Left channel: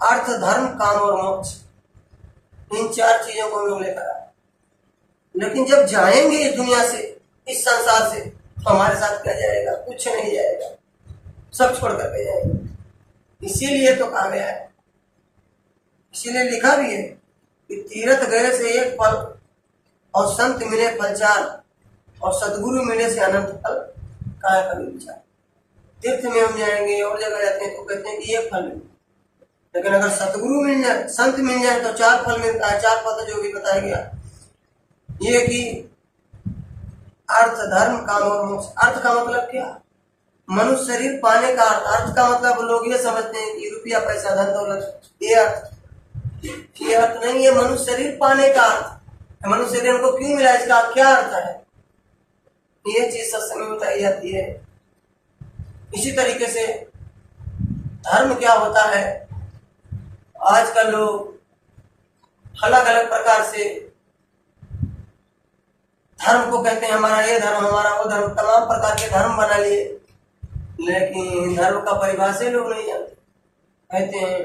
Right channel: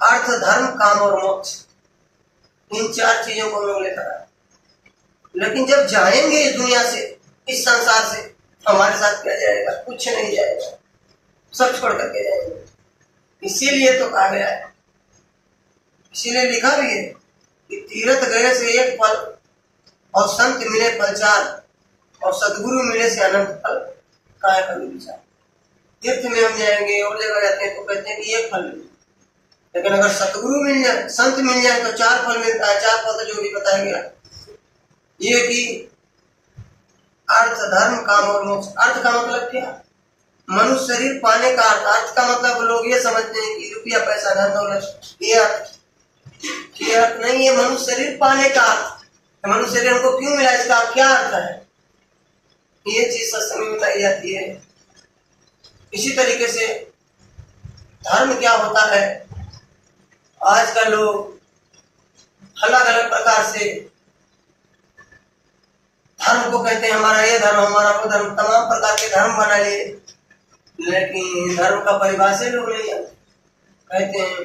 अर्थ, धर्म, काम और मोक्ष, इन 4 चीजों को हम लोग लेकर आए। लेकिन जब जाएंगे इस दुनिया से, इस संसार से, तो हमारे साथ क्या जाएगा? कुछ नहीं जाएगा, सब छोड़ करके जाएंगे। इसीलिए तो कहा गया है, इसीलिए लिखा भी है कि तीर्थ गए से 1 फल और संत मिले फल 4 और सदगुरु मिले से अनंत फल काहे कभी विचार। तीर्थ में हम जाएंगे और जगह जाते हैं तो कहते हैं कि 1 फल मिले, लेकिन अगर सतगुरु मिल जाए, संत मिल जाए तो 4 फल मिलता है। 4 फल तो जो भी बताया गया ये कि अर्थ, धर्म, काम और मोक्ष। अर्थ का मतलब क्या? मनुष्य शरीर पाने का अर्थ। अर्थ का मतलब लोग ये समझते हैं कि रुपया, पैसा, धन दौलत, ये अर्थ। ये अर्थ नहीं है मनुष्य शरीर पाने का अर्थ। मनुष्य शरीर हमको क्यों मिला, इसका क्या अर्थ है, ये चीज सत्संग में बताई जाती है। इसी तरीके से धर्म क्या होता है, आजकल लोग अलग अलग प्रकार से धर्म को कहते हैं हमारा ये धर्म, हमारा वो धर्म, तमाम प्रकार के धर्म बना लिए, लेकिन धर्म का परिभाषा लोग नहीं जानते। कहते हैं,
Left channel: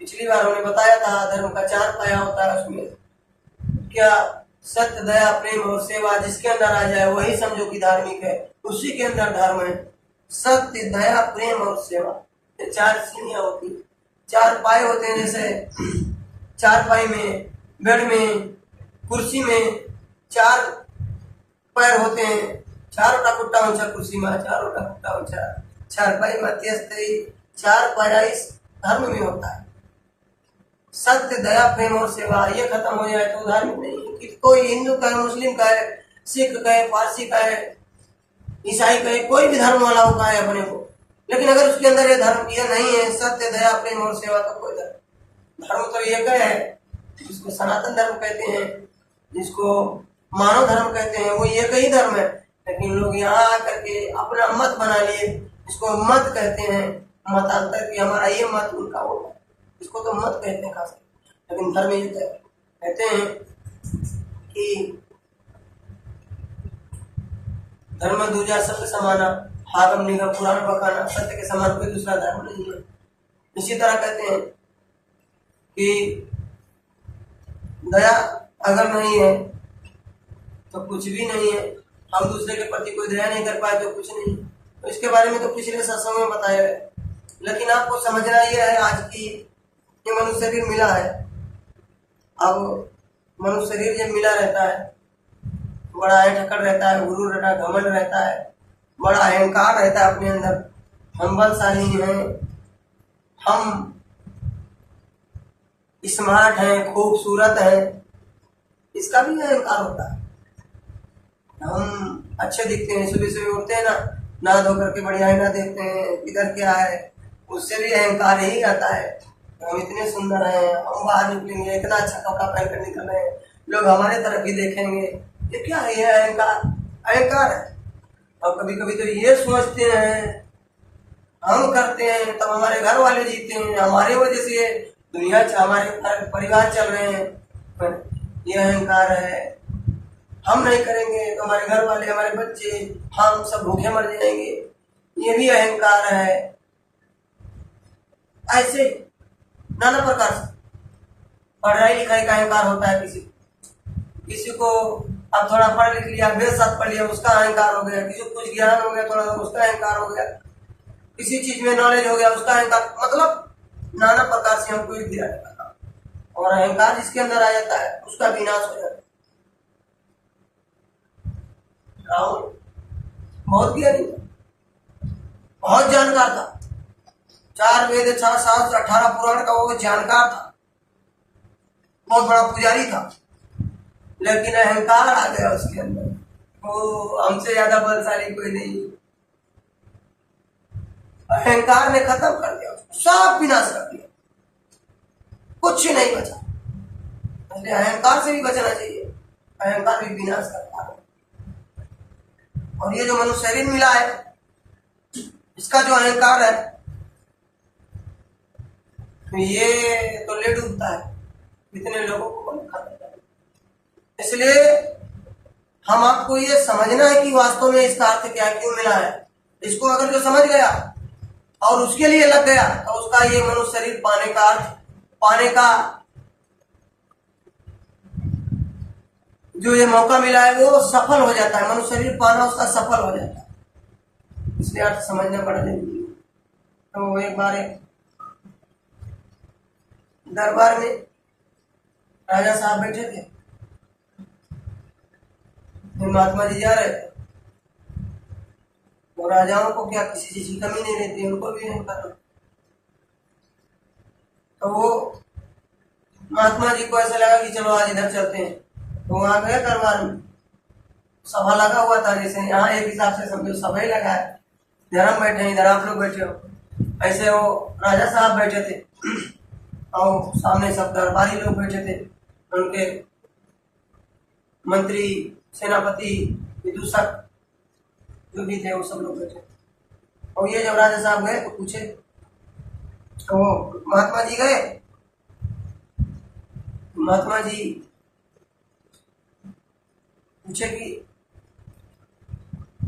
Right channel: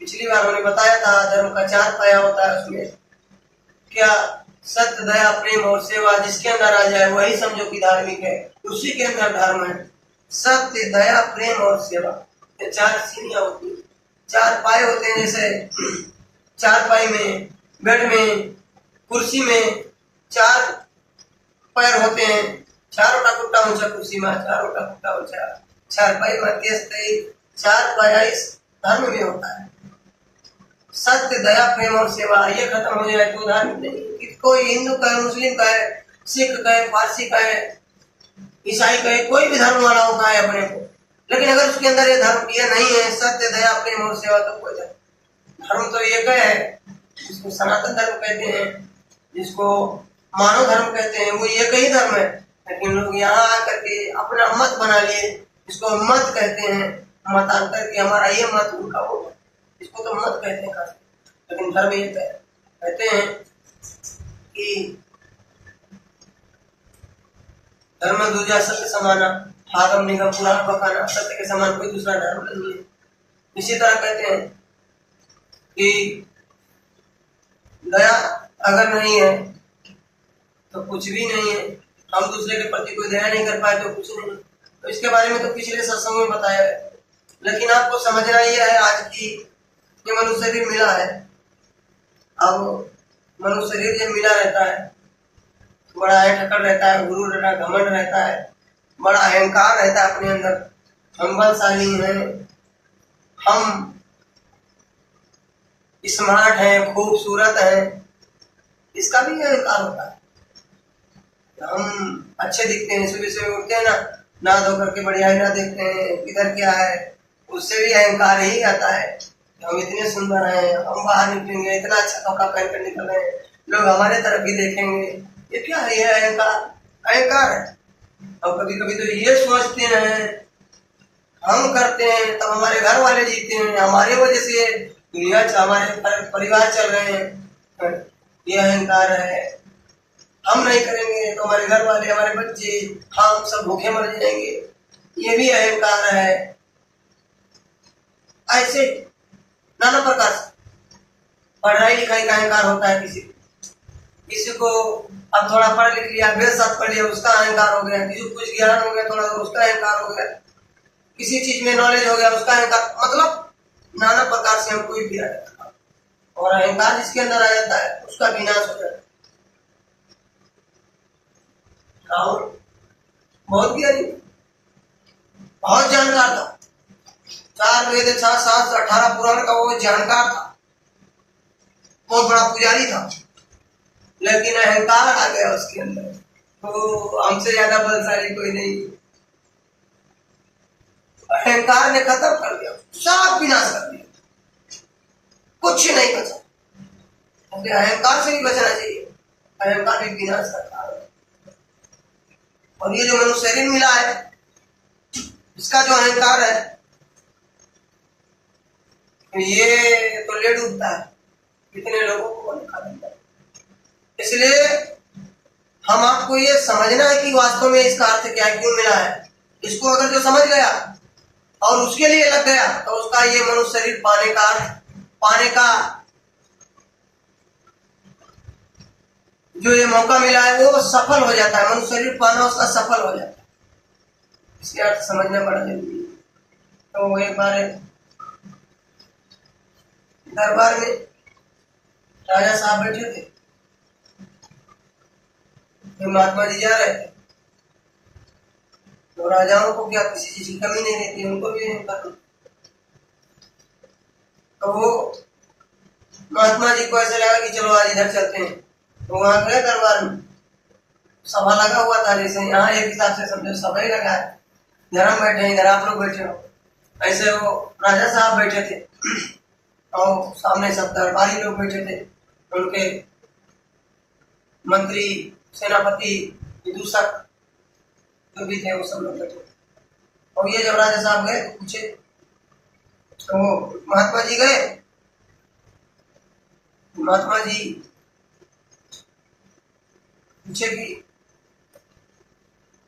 पिछली बार हमने बताया था धर्म का 4 पाया होता है। उसमें क्या? सत्य, दया, प्रेम और सेवा। जिसके अंदर आ जाए वही समझो कि धार्मिक है, उसी के अंदर धर्म है। सत्य, दया, प्रेम और सेवा, ये 4 सीढ़ियां होती हैं, 4 पाए होते हैं। जैसे 4 पाई में, बेड में, कुर्सी में 4 पैर होते हैं, 4 कुट्टा ऊंचा कुर्सी में, 4 कुट्टा ऊंचा 4 पाई में, 4 पाया इस धर्म में होता है। सत्य, दया, प्रेम और सेवा, ये खत्म हो जाए तो धार्मिक नहीं। कि कोई हिंदू कहे, मुस्लिम कहे, सिख कहे, पारसी कहे, ईसाई कहे, कोई भी धर्म वाला हो कहे अपने को, लेकिन अगर उसके अंदर ये धर्म ये नहीं है, सत्य, दया, प्रेम और सेवा, तो कोई धर्म तो एक है। जिसको सनातन धर्म कहते हैं, जिसको मानव धर्म कहते हैं, वो एक ही धर्म है। लेकिन लोग यहाँ आकर के अपना मत बना लिए, इसको मत कहते हैं, मतांतर की हमारा ये मत, उनका वो मत, इसको तो मत कहते हैं खास। लेकिन धर्म ये कहते हैं कि धर्म दूजा सत्य समाना, आगम निगम पुराण बखाना, सत्य के समान कोई दूसरा धर्म नहीं है। इसी तरह कहते हैं कि दया अगर नहीं है तो कुछ भी नहीं है। हम दूसरे के प्रति कोई दया नहीं कर पाए तो कुछ नहीं। तो इसके बारे में तो पिछले सत्संग में बताया है, लेकिन आपको समझना ये है आज की ये मनुष्य शरीर मिला है। अब मनुष्य शरीर जब मिला रहता है तो बड़ा ठक्कर रहता है, गुरु रहता है, घमंड रहता है, बड़ा अहंकार रहता है अपने अंदर। हम बलशाली हैं, हम स्मार्ट हैं, खूबसूरत हैं, इसका भी अहंकार होता है। हम अच्छे दिखते हैं, सुबह सुबह उठते हैं ना, नहा धो करके बढ़िया ही ना देखते हैं इधर क्या है, उससे भी अहंकार ही आता है। हम इतने सुंदर हैं, हम बाहर निकलेंगे इतना अच्छा कपड़ा पहन कर निकल रहे हैं, लोग हमारे तरफ ही देखेंगे, ये क्या है? ये अहंकार है। और कभी कभी तो ये सोचते हैं हम करते हैं तब हमारे घर वाले जीते हैं, हमारे वजह से दुनिया हमारे परिवार चल रहे हैं, ये अहंकार है। हम नहीं करेंगे तो हमारे घर वाले, हमारे बच्चे, हम सब भूखे मर जाएंगे, ये भी अहंकार है। ऐसे नाना प्रकार से पढ़ाई लिखाई का अहंकार होता है। किसी को अब थोड़ा पढ़ लिख लिया, मेरे साथ पढ़ लिया, उसका अहंकार हो गया। किसी को कुछ ज्ञान हो गया थोड़ा, उसका अहंकार हो गया। किसी चीज में नॉलेज हो गया, उसका अहंकार। मतलब नाना प्रकार से हम कोई भी रहता, और अहंकार जिसके अंदर आ जाता है उसका विनाश हो जाता है। राहुल बहुत ज्ञानी, बहुत जानकार था, 4 वेद, 6 शास्त्र, 18 पुराण का वो जानकार था, बहुत बड़ा पुजारी था, लेकिन अहंकार आ गया उसके अंदर। वो हमसे ज्यादा बलशाली कोई नहीं, अहंकार ने खत्म कर दिया, सब विनाश कर दिया, कुछ नहीं बचा। अहंकार से भी बचना चाहिए, अहंकार भी विनाश करता है। और ये जो मनुष्य शरीर मिला है, इसका जो अहंकार है, ये तो ले डूबता है, कितने लोगों को खत्म कर। इसलिए हम आपको ये समझना है कि वास्तव में इसका अर्थ क्या, क्यों मिला है। इसको अगर जो समझ गया और उसके लिए लग गया तो उसका ये मनुष्य शरीर पाने का अर्थ पाने का जो ये मौका मिला है वो सफल हो जाता है, मनुष्य शरीर पाना उसका सफल हो जाता है। इसलिए अर्थ समझना बड़ा जरूरी है। तो एक बार दरबार में राजा साहब बैठे थे, महात्मा जी जा रहे थे। तो राजाओं को क्या किसी चीज की कमी नहीं रहती, उनको भी नहीं पता। तो वो महात्मा जी को ऐसा लगा कि चलो आज इधर चलते हैं। तो वहां गए दरबार में, सभा लगा हुआ था, जैसे यहाँ एक हिसाब से समझो सभा ही लगा है, इधर हम बैठे हैं, इधर आप लोग बैठे हो। ऐसे वो राजा साहब बैठे थे और सामने सब दरबारी लोग बैठे थे, उनके मंत्री, सेनापति, विदूषक जो भी थे वो सब लोग बैठे। और ये जब राजा साहब गए तो पूछे, तो महात्मा जी गए, महात्मा जी पूछे कि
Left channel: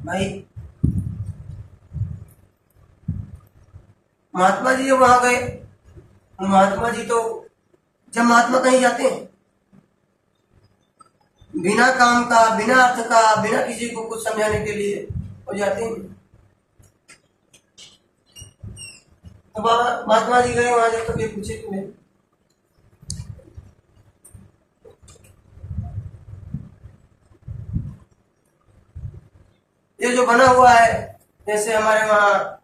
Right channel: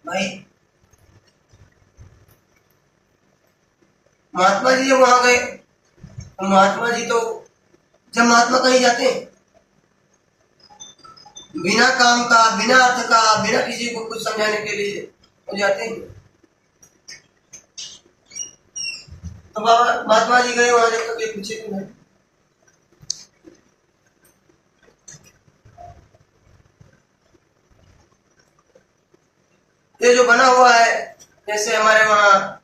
भाई, महात्मा जी जब वहां गए तो महात्मा जी तो जब महात्मा कहीं जाते हैं बिना काम का, बिना अर्थ का, बिना किसी को कुछ समझाने के लिए हो जाते हैं। तो बाबा महात्मा जी गए वहां, जब तक ये पूछे कि नहीं। ये जो बना हुआ है, जैसे हमारे वहाँ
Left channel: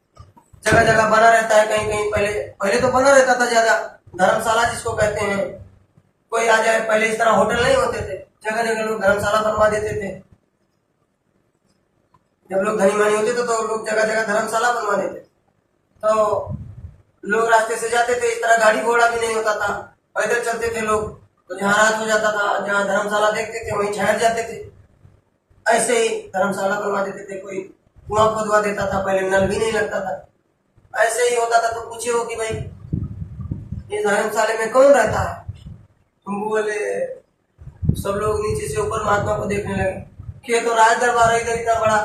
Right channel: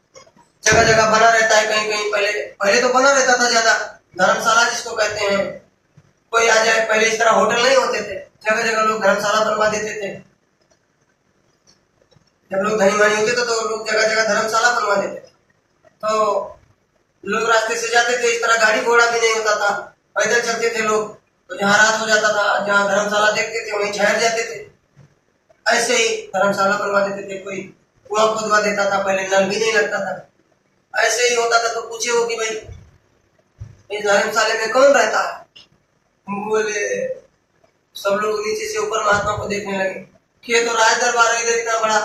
जगह जगह बना रहता है, कहीं कहीं पहले तो बना रहता था ज्यादा, धर्मशाला जिसको कहते हैं। कोई आ जाए, पहले इस तरह होटल नहीं होते थे, जगह जगह लोग धर्मशाला बनवा देते थे। जब लोग धनी मानी होते थे तो लोग जगह जगह धर्मशाला बनवा देते थे। तो लोग रास्ते से जाते थे, इस तरह गाड़ी घोड़ा भी नहीं होता था, पैदल चलते थे लोग। तो जहाँ रात हो जाता था, जहाँ धर्मशाला देखते थे वहीं ठहर जाते थे। ऐसे ही धर्मशाला बनवा देते थे। कोई कुआं खोदवा देता था, पहले नल भी नहीं लगता था। ऐसे ही होता था। तो पूछे हो कि भाई इस धर्मशाले में कौन रहता है? बोले, सब लोग नीचे से ऊपर महात्मा को देखने लगे कि ये तो राज दरबार है, इधर इतना बड़ा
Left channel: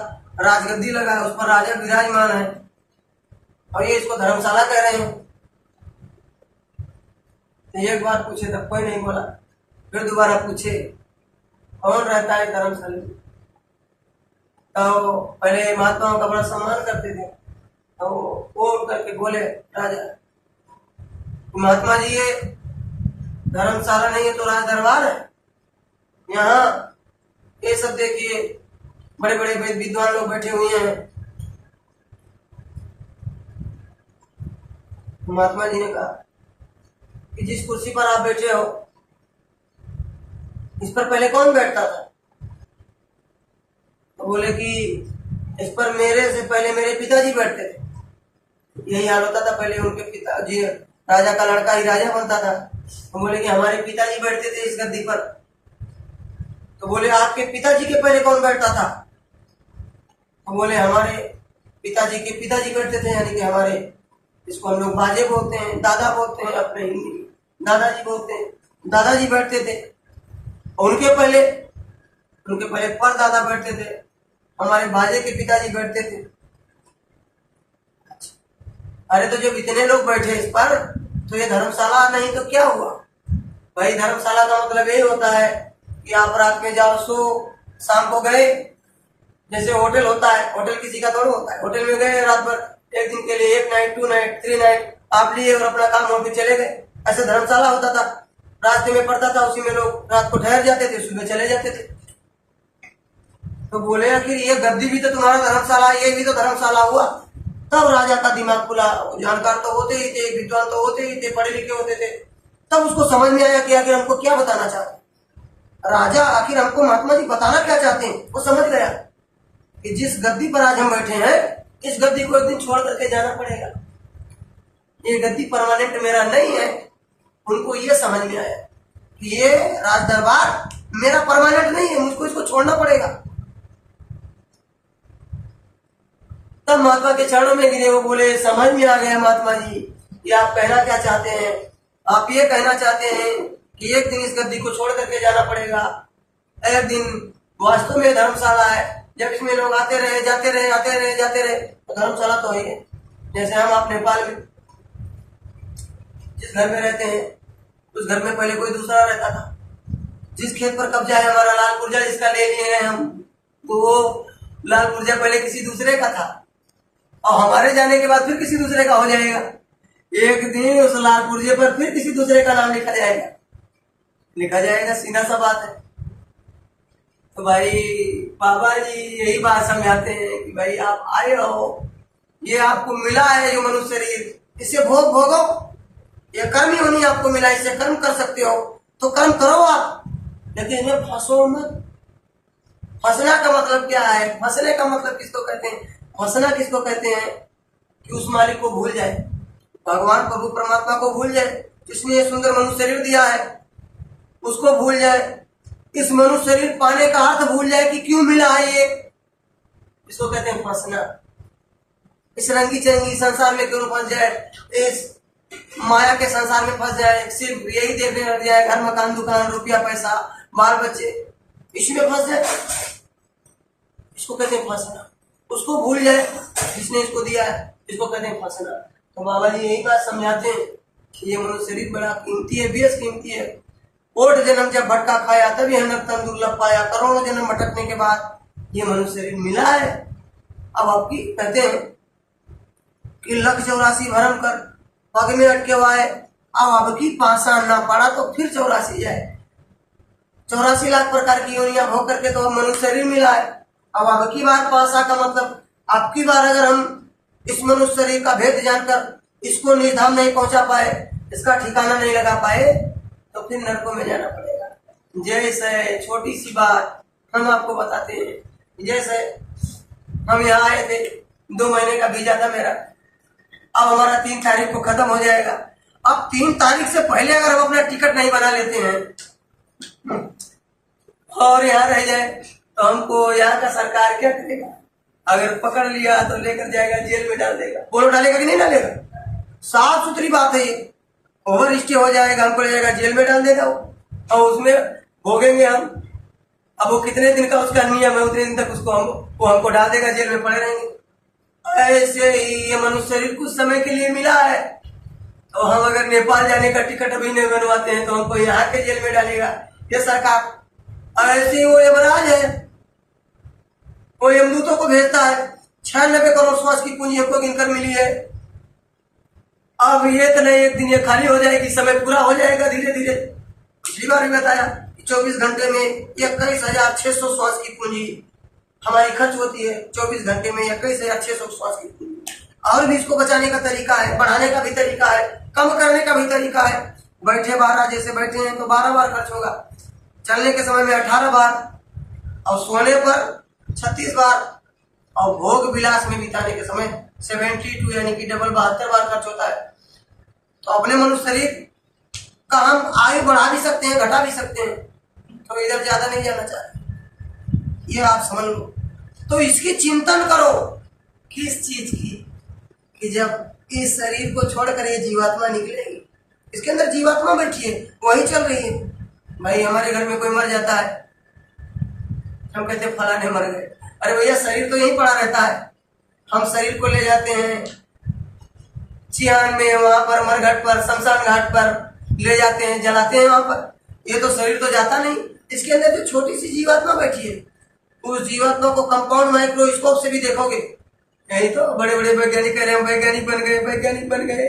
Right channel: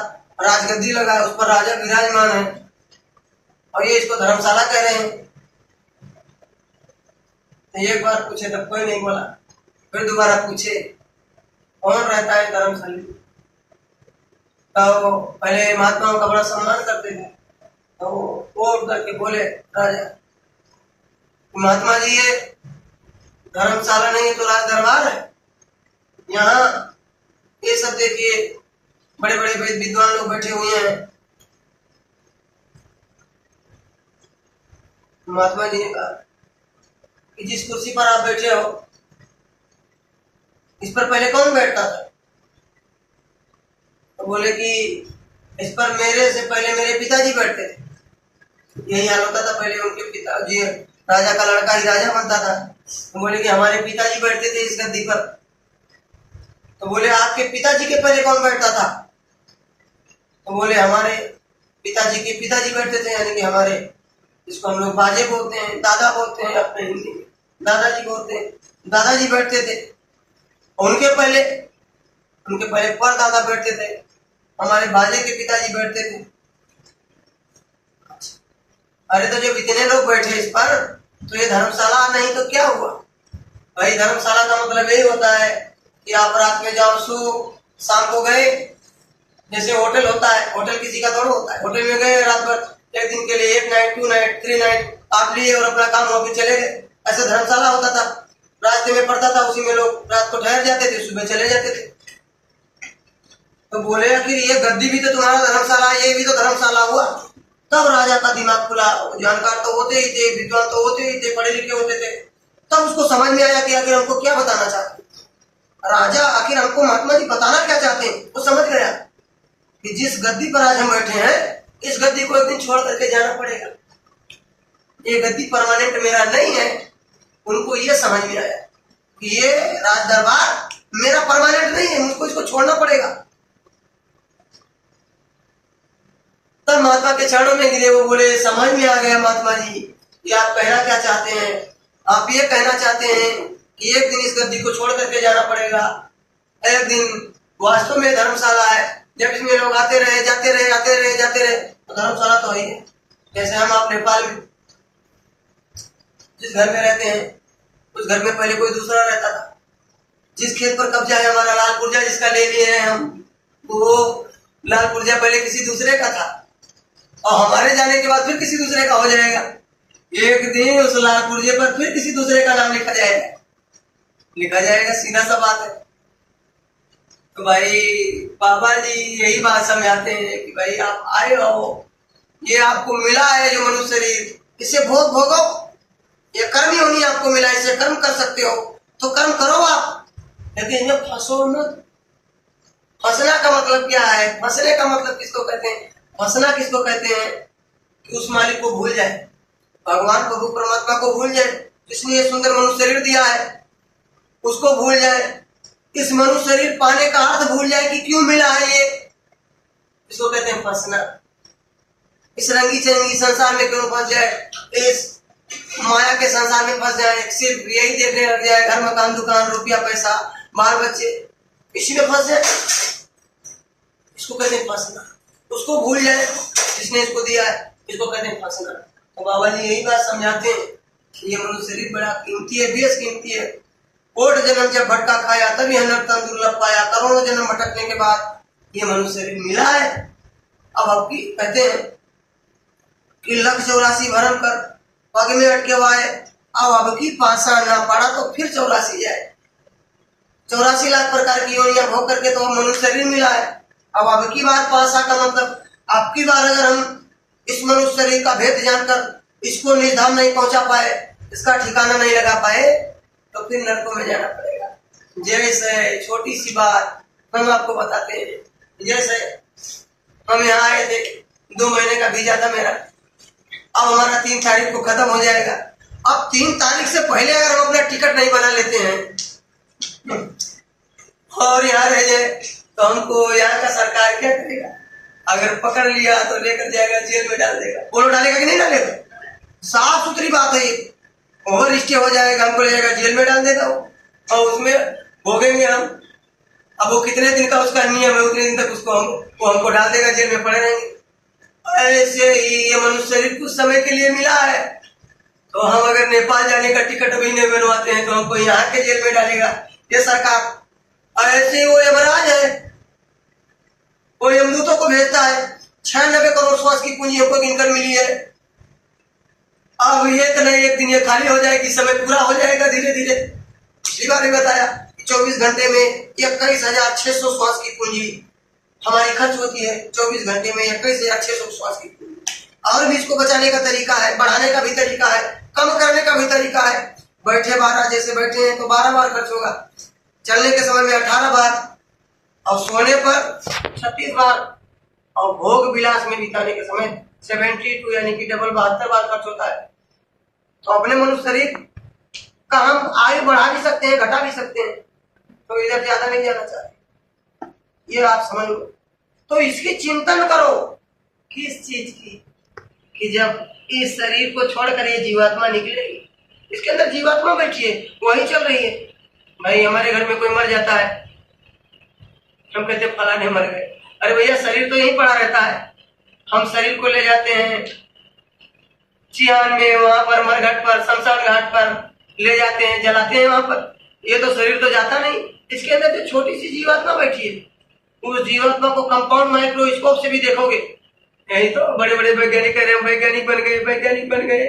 राजगद्दी लगा है, उस पर राजा विराजमान है और ये इसको धर्मशाला कह रहे हैं। तो एक बार पूछे तब कोई नहीं बोला। फिर दोबारा पूछे कौन रहता है धर्मशाला में? तो पहले महात्माओं का बड़ा सम्मान करते थे, तो वो उठ करके बोले राजा, महात्मा जी ये धर्मशाला नहीं है तो राज दरबार है। यहाँ ये सब देखिए बड़े बड़े विद्वान लोग बैठे हुए हैं। महात्मा जी ने कहा कि जिस कुर्सी पर आप बैठे हो इस पर पहले कौन बैठता था? तो बोले कि इस पर मेरे से पहले मेरे पिताजी बैठते थे। यही हाल होता था पहले, उनके पिताजी, राजा का लड़का ही राजा बनता था। तो बोले कि हमारे पिताजी बैठते थे इस गद्दी पर। तो बोले आपके पिताजी के पहले कौन बैठता था? तो बोले हमारे पिताजी के पिताजी बैठते थे, यानी कि हमारे, इसको हम लोग बाजे बोलते हैं, दादा बोलते हैं अपने हिंदी में, दादाजी बोलते हैं, दादाजी बैठते थे। उनके पहले पर दादा बैठते थे, हमारे बाजे के पिताजी बैठते थे। अरे तो जब इतने लोग बैठे इस पर तो ये धर्मशाला नहीं तो क्या हुआ? भाई धर्मशाला का मतलब यही होता है कि आप रात में जाओ, सो, शाम को गए, जैसे होटल होता है, होटल किसी का थोड़ा होता है। होटल में गए रात भर, एक दिन के लिए, 1 नाइट 2 नाइट 3 नाइट आप लिए और अपना काम वापिस चले गए। ऐसा धर्मशाला होता था, रास्ते में पड़ता था, उसी में लोग रात को ठहर जाते थे, सुबह चले जाते थे। तो बोले कि ये गद्दी भी तो तुम्हारा धर्मशाला है, ये भी तो धर्मशाला हुआ। तब राजा का दिमाग खुला। जानकार तो होते ही थे, विद्वान तो होते ही थे, पढ़े लिखे होते थे। तब उसको समझ में आया कि आखिर हमको क्या बताना चाहते राजा, आखिर हमको महात्मा जी बताना क्या चाहते हैं। वो समझ गया कि जिस गद्दी पर आज हम बैठे हैं, इस गद्दी को एक दिन छोड़ करके जाना पड़ेगा। ये गद्दी परमानेंट मेरा नहीं है। उनको ये समझ में आया कि ये राज दरबार मेरा परमानेंट नहीं है, मुझको इसको छोड़ना पड़ेगा। तब महात्मा के चरणों में गिरे। वो बोले, समझ में आ गया महात्मा जी, ये आप कहना क्या चाहते हैं? आप ये कहना चाहते हैं कि एक दिन इस गद्दी को छोड़ करके जाना पड़ेगा। एक दिन वास्तव में धर्मशाला है, जब इसमें लोग आते रहे, जाते रहे, आते रहे, जाते रहे, तो धर्मशाला तो है। जैसे हम आप नेपाल में जिस घर में रहते हैं, उस घर में पहले कोई दूसरा रहता था। जिस खेत पर कब्जा है हमारा लाल पुर्जा जिसका ले लिए हैं हम, वो लाल पुर्जा पहले किसी दूसरे का था और हमारे जाने के बाद फिर किसी दूसरे का हो जाएगा। एक दिन उस लाल पुर्जे पर फिर किसी दूसरे का नाम लिखा जाएगा, सीधा सा बात है। तो भाई बाबा जी यही बात समझाते हैं कि भाई आप आए हो, ये आपको मिला है जो मनुष्य शरीर, इसे भोगो, ये कर्म ही होनी आपको मिला, इसे कर्म कर सकते हो तो कर्म करो आप, लेकिन इनमें फंसो मत। फंसना का मतलब क्या है? फंसने का मतलब किसको कहते हैं? फंसना किसको कहते हैं? कि उस मालिक को भूल जाए, भगवान प्रभु परमात्मा को भूल जाए, जिसने ये सुंदर मनुष्य शरीर दिया है उसको भूल जाए, इस मनुष्य शरीर पाने का अर्थ भूल जाए कि क्यों मिला है ये, इसको कहते हैं फंसना। इस रंगी चरंगी संसार में क्यों फंस जाए, इस माया के संसार में फंस जाए, सिर्फ यही देखने लग जाए, घर मकान दुकान रुपया पैसा बाल बच्चे, इसी में फंस जाए, इसको कहते हैं फंसना। उसको भूल जाए जिसने इसको दिया है, इसको कहते हैं फंसना। तो बाबा जी यही बात समझाते हैं कि ये मनुष्य शरीर बड़ा कीमती है, बेस कीमती है। कोट जन्म जब भटका खाया तब यह नर तन दुर्लभ पाया, करोड़ों जन्म भटकने के बाद ये मनुष्य शरीर मिला है। अब आपकी कहते हैं कि 1,84 भरम कर पग में अटके हुआ है, अब की पासा ना पड़ा तो फिर 84 जाए, 84 लाख प्रकार की योनियां भोग करके तो मनुष्य शरीर मिला है। अब की बार पासा का मतलब आपकी बार अगर हम इस मनुष्य शरीर का भेद जानकर इसको निधाम नहीं पहुंचा पाए, इसका ठिकाना नहीं लगा पाए, तो फिर नरकों में जाना पड़ेगा। जैसे छोटी सी बात हम आपको बताते हैं, जैसे हम यहाँ आए थे, 2 महीने का वीजा था मेरा, अब हमारा 3 तारीख को खत्म हो जाएगा। अब 3 तारीख से पहले अगर हम अपना टिकट नहीं बना लेते हैं और यहाँ रह जाए तो हमको यहाँ का सरकार क्या करेगा? अगर पकड़ लिया तो लेकर जाएगा, जेल में डाल देगा। बोलो डालेगा कि नहीं डालेगा? साफ सुथरी बात है ये। ओवर स्टे हो जाएगा, हमको ले जाएगा जेल में डाल देगा वो, और उसमें भोगेंगे हम। अब वो कितने दिन का उसका नियम है, उतने दिन तक वो हमको डाल देगा, जेल में पड़े रहेंगे। ऐसे ही ये मनुष्य शरीर कुछ समय के लिए मिला है, तो हम अगर नेपाल जाने का टिकट अभी नहीं बनवाते हैं तो हमको यहाँ के जेल में डालेगा ये सरकार। ऐसे ही वो यमराज है, वो यमदूतों को भेजता है। 96 करोड़ श्वास की पूंजी हमको गिनकर मिली है। अब ये तो नहीं एक दिन ये खाली हो जाएगी, समय पूरा हो जाएगा धीरे धीरे। पिछली बार भी बताया कि 24 घंटे में 21,600 श्वास की पूंजी हमारी खर्च होती है। 24 घंटे में 21,600 श्वास की पूंजी। और भी इसको बचाने का तरीका है, बढ़ाने का भी तरीका है, कम करने का भी तरीका है। बैठे 12, जैसे बैठे हैं तो 12 बार खर्च होगा, चलने के समय में 18 बार, और सोने पर 36 बार, और भोग विलास में बिताने के समय 72 यानी कि डबल 72 बार खर्च होता है। तो अपने मनुष्य शरीर का हम आयु बढ़ा भी सकते हैं, घटा भी सकते हैं, तो इधर ज्यादा नहीं जाना चाहिए, ये आप समझ लो। तो इसकी चिंतन करो, किस चीज की? कि जब इस शरीर को छोड़कर ये जीवात्मा निकलेगी, इसके अंदर जीवात्मा बैठी है, वही चल रही है। भाई हमारे घर में कोई मर जाता है, हम कहते हैं फलाने मर गए। अरे भैया शरीर तो यहीं पड़ा रहता है, हम शरीर को ले जाते हैं चिहान में, वहां पर मरघट पर, शमशान घाट पर ले जाते हैं, जलाते हैं वहां पर। ये तो शरीर तो जाता नहीं, इसके अंदर जो छोटी सी जीवात्मा बैठी है, उस जीवात्मा को कंपाउंड माइक्रोस्कोप से भी देखोगे, यही तो बड़े बड़े वैज्ञानिक कह रहे हैं, वैज्ञानिक बन गए,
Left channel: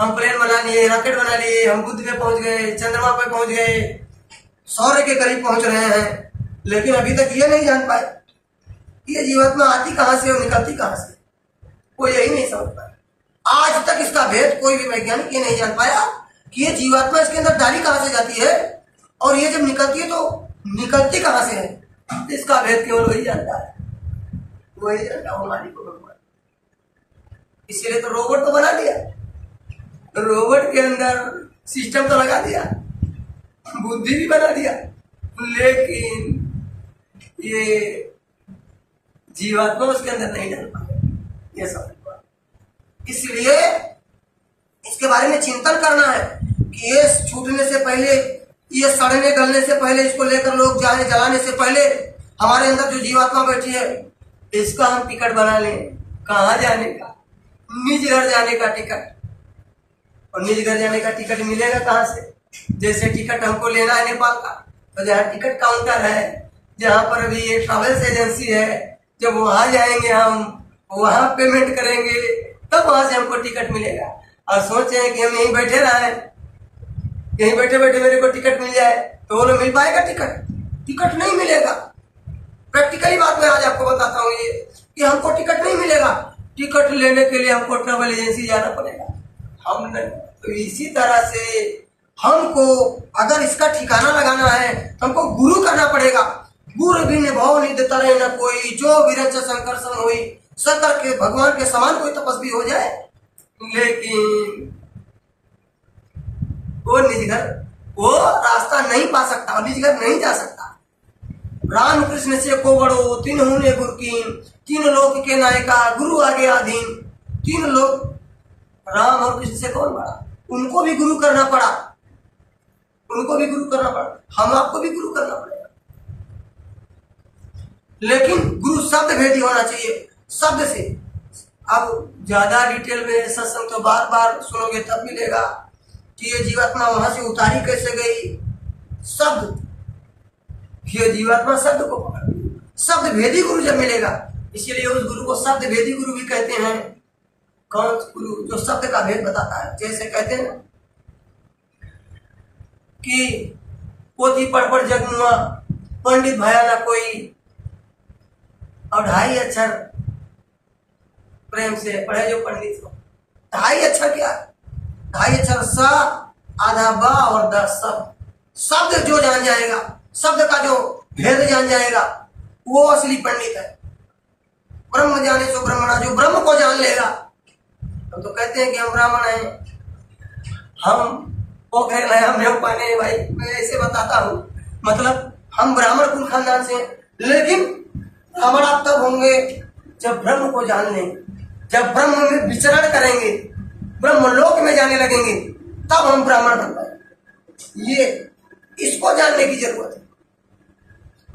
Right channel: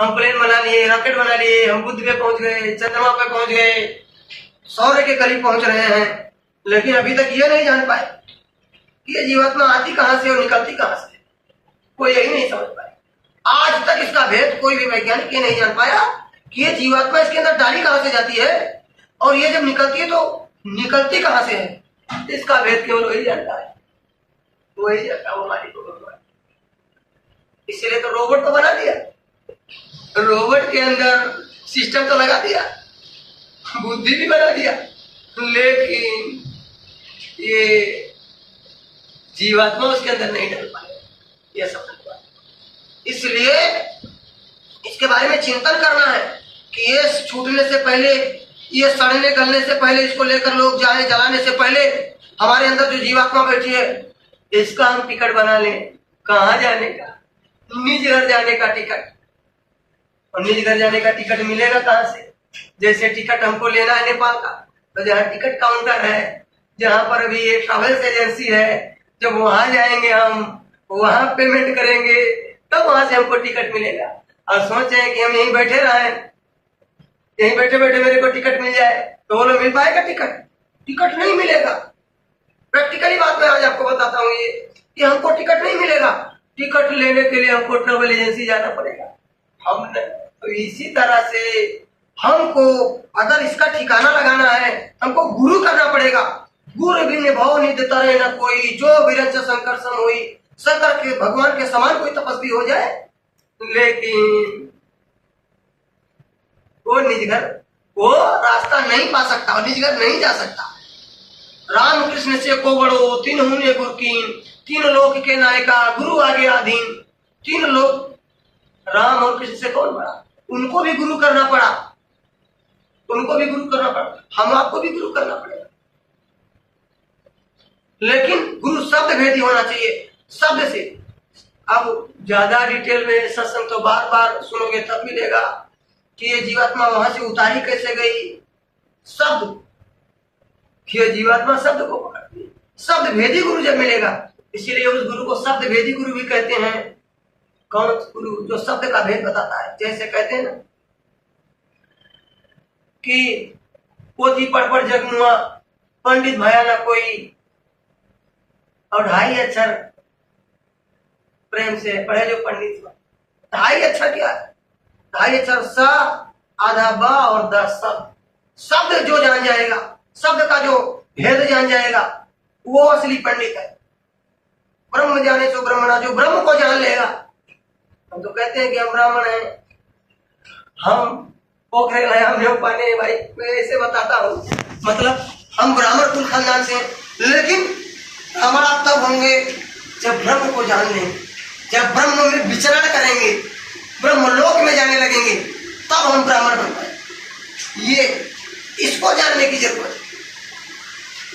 हम प्लेन बना लिए, रॉकेट बना लिए, हम बुध पे पहुंच गए, चंद्रमा पे पहुंच गए, सौर्य के करीब पहुंच रहे हैं, लेकिन अभी तक ये नहीं जान पाए कि ये जीवात्मा आती कहां से और निकलती कहां से। कोई यही नहीं समझ पाए आज तक, इसका भेद कोई भी वैज्ञानिक ये नहीं जान पाया कि ये जीवात्मा इसके अंदर डाली कहां से जाती है, और ये जब निकलती है तो निकलती कहां से है। इसका भेद केवल वही जानता है, वही जानता है, वो मालिक को भगवान। इसलिए तो रोबोट तो बना दिया, रोबोट के अंदर सिस्टम तो लगा दिया, बुद्धि भी बना दिया, लेकिन ये जीवात्मा उसके अंदर नहीं डाल पाए, ये समझ पाए। इसलिए इसके बारे में चिंतन करना है कि ये छूटने से पहले, ये सड़ने गलने से पहले, इसको लेकर लोग जाए जलाने से पहले हमारे अंदर जो जीवात्मा बैठी है, इसका हम टिकट बना लें। कहाँ जाने का? निज घर जाने का टिकट। और निज घर जाने का टिकट मिलेगा कहाँ से? जैसे टिकट हमको लेना है नेपाल का, तो जहाँ टिकट काउंटर है, जहाँ पर भी ये ट्रैवल्स एजेंसी है, जब वहाँ जाएंगे हम, वहाँ पेमेंट करेंगे, तब वहाँ से हमको टिकट मिलेगा। और सोचे हैं कि हम यहीं बैठे रहें, यहीं बैठे बैठे मेरे को टिकट मिल जाए, तो बोलो मिल पाएगा टिकट? टिकट नहीं मिलेगा। प्रैक्टिकली बात मैं आज आपको बताता हूँ ये कि हमको टिकट नहीं मिलेगा। टिकट लेने के लिए हमको ट्रैवल एजेंसी जाना पड़ेगा। हमने तो इसी तरह से हमको अगर इसका ठिकाना लगाना है, हमको गुरु करना पड़ेगा। गुरु भी भाव नहीं देता रहे ना कोई, जो विरंच संकर्षण हुई, शंकर के भगवान के समान कोई तपस्वी हो जाए, लेकिन वो निज घर वो रास्ता नहीं पा सकता और निज घर नहीं जा सकता। राम कृष्ण से को बड़ो तीन होने गुरकीन, तीन लोक के नायका गुरु आगे आधीन। तीन लोग, राम और कृष्ण से कौन बड़ा? उनको भी गुरु करना पड़ा, उनको भी गुरु करना पड़ा, हम आपको भी गुरु करना पड़ेगा। लेकिन गुरु शब्द भेदी होना चाहिए, शब्द से। अब ज्यादा डिटेल में सत्संग तो बार बार सुनोगे तब मिलेगा कि ये जीवात्मा वहां से उतारी कैसे गई। शब्द, ये जीवात्मा शब्द को पकड़ती, शब्द भेदी गुरु जब मिलेगा, इसीलिए उस गुरु को शब्द भेदी गुरु भी कहते हैं। कौन गुरु? जो शब्द का भेद बताता है। जैसे कहते हैं ना कि पोथी पढ़ पढ़ जगमुआ, पंडित भया ना कोई, और 2.5 अक्षर प्रेम से पढ़े जो पंडित। 2.5 अक्षर क्या है? 2.5 अक्षर स, आधा ब और 10 शब्द। शब्द जो जान जाएगा, शब्द का जो भेद जान जाएगा, वो असली पंडित है। ब्रह्म जाने सो ब्रह्मणा, जो ब्रह्म को जान लेगा। हम तो कहते हैं कि हम ब्राह्मण हैं, हम पोखरे हैं, हम नहीं पाने। भाई मैं ऐसे बताता हूँ, मतलब हम ब्राह्मण कुल खानदान से, लेकिन हमारा तब होंगे जब ब्रह्म को जान लेंगे, जब ब्रह्म में विचरण करेंगे, ब्रह्म लोक में जाने लगेंगे, तब हम ब्राह्मण बन पाए। ये इसको जानने की जरूरत है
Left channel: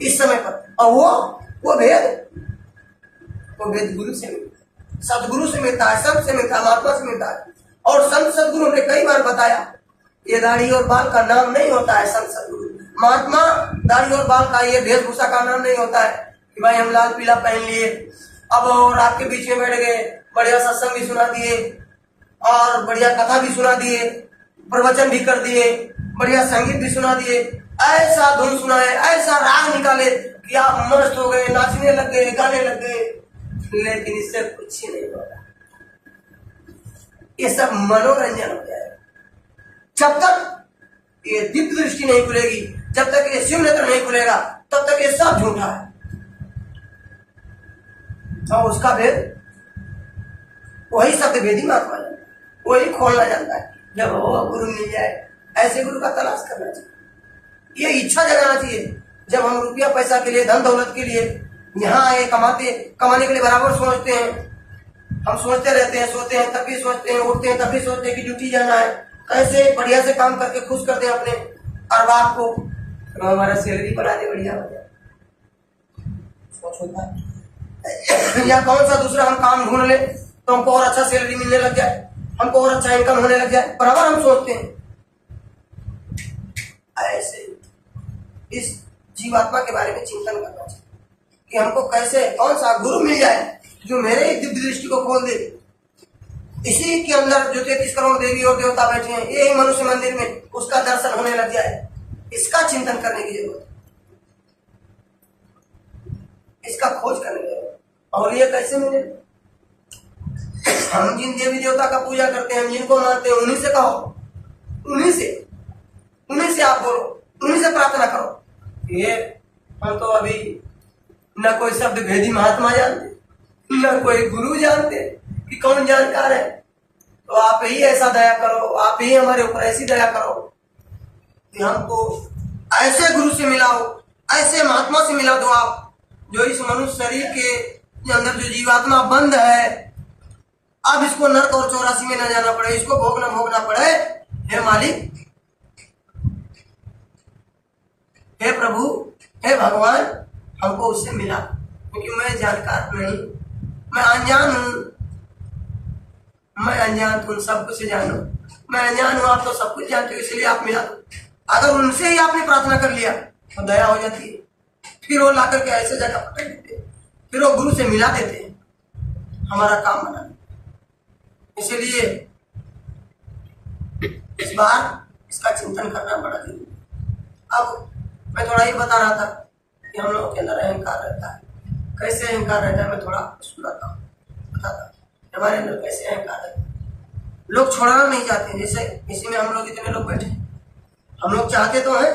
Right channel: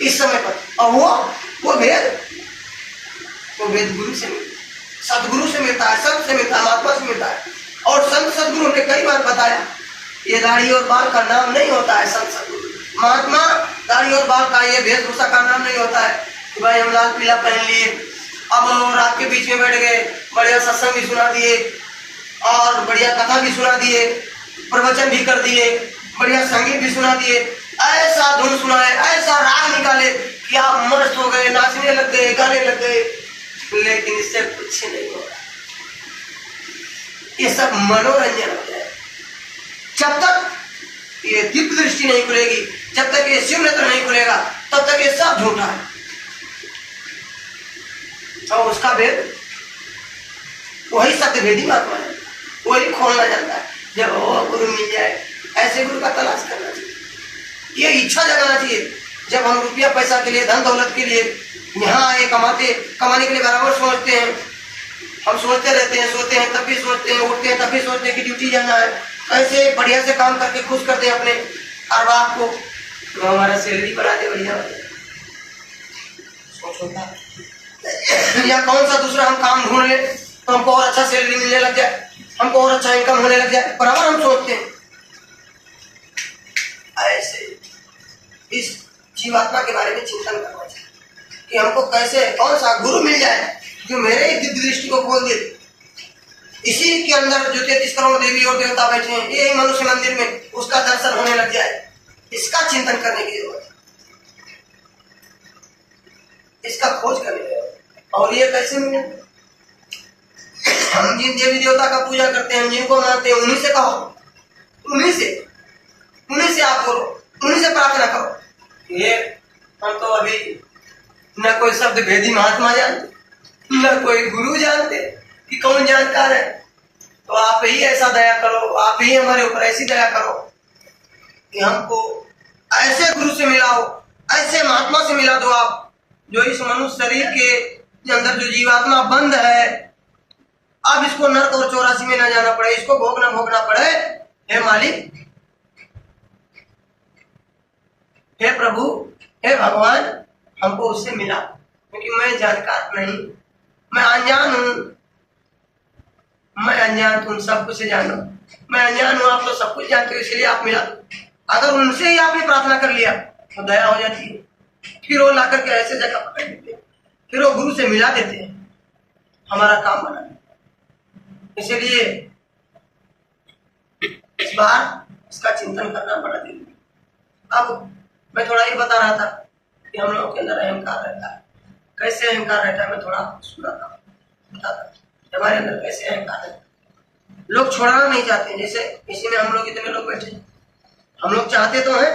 इस समय पर। और वो भेद गुरु से मिलता है, सदगुरु से मिलता है, संत से मिलता है, महात्मा से मिलता है। और संत सदगुरु ने कई बार बताया, ये दाढ़ी और बाल का नाम नहीं होता है संत सदगुरु। महात्मा दाढ़ी और बाल का, ये वेशभूषा का नाम नहीं होता है कि भाई हम लाल पीला पहन लिए, अब और आपके बीच में बैठ गए, बढ़िया सत्संग भी सुना दिए और बढ़िया कथा भी सुना दिए, प्रवचन भी कर दिए, बढ़िया संगीत भी सुना दिए, ऐसा धुन सुनाए, ऐसा राग निकाले कि आप मस्त हो गए, नाचने लग गए, गाने लग गए। लेकिन इससे कुछ नहीं होगा, ये सब मनोरंजन हो जाए। जब तक ये दिव्य दृष्टि नहीं खुलेगी, जब तक ये शिव नेत्र नहीं खुलेगा, तब तक ये सब झूठा है। और उसका भेद वही सत्य भेदी महात्मा है, वही खोलना जानता है। जब वो गुरु मिल जाए, ऐसे गुरु का तलाश करना चाहिए, ये इच्छा जगाना चाहिए। जब हम रुपया पैसा के लिए, धन दौलत के लिए यहाँ आए, कमाने के लिए बराबर सोचते हैं, हम सोचते रहते हैं, सोते हैं तब भी सोचते हैं, उठते हैं तब भी सोचते हैं कि ड्यूटी जाना है, कैसे बढ़िया से काम करके खुश कर दें अपने अरबाब को, तो हमारा सैलरी बढ़ा दे, बढ़िया हो जाए, सोच होता है। या कौन सा दूसरा हम काम ढूंढ ले तो हमको और अच्छा सैलरी मिलने लग जाए, हमको और अच्छा इनकम होने लग जाए, बराबर हम सोचते हैं। ऐसे इस जीवात्मा के बारे में चिंतन करना चाहिए कि हमको कैसे, कौन सा गुरु मिल जाए जो मेरे दिव्य दृष्टि को खोल दे। इसी के अंदर जो 33 करोड़ देवी और देवता बैठे हैं, यही मनुष्य मंदिर में, उसका दर्शन होने लग जाए। इसका चिंतन करने की जरूरत है, इसका खोज करने की जरूरत है। और ये कैसे मिले? हम जिन देवी देवता का पूजा करते हैं, जिनको मानते हैं, उन्हीं से कहो, उन्हीं से आप बोलो, उन्हीं से प्रार्थना करो। ये हम तो अभी न कोई शब्द भेदी महात्मा जानते, न कोई गुरु जानते कि कौन जानकार है। तो आप ही ऐसा दया करो, आप ही हमारे ऊपर ऐसी दया करो कि हमको ऐसे गुरु से मिलाओ, ऐसे महात्मा से मिला दो आप, जो इस मनुष्य शरीर के अंदर जो जीवात्मा बंद है, अब इसको नरक और 84 में न जाना पड़े, इसको भोगना पड़े। हे मालिक, हे प्रभु, हे भगवान, हमको उससे मिला, क्योंकि मैं जानकार नहीं, मैं अनजान हूं, मैं अनजान तुम सब कुछ जानो, मैं अनजान हूँ, आप तो सब कुछ जानते हो, इसलिए आप मिला दो। अगर उनसे ही आपने प्रार्थना कर लिया तो दया हो जाती है। फिर वो ला करके ऐसे जगह पकड़ देते हैं, फिर वो गुरु से मिला देते हैं, हमारा काम बना। इसलिए इस बार इसका चिंतन करना बड़ा जरूरी। अब मैं थोड़ा ये बता रहा था कि हम लोगों के अंदर अहंकार रहता है। कैसे अहंकार रहता है मैं थोड़ा सुनाता हूँ, बताता हमारे अंदर कैसे अहंकार है। लोग छोड़ना नहीं चाहते, जैसे इसी में हम लोग इतने लोग बैठे, हम लोग चाहते तो हैं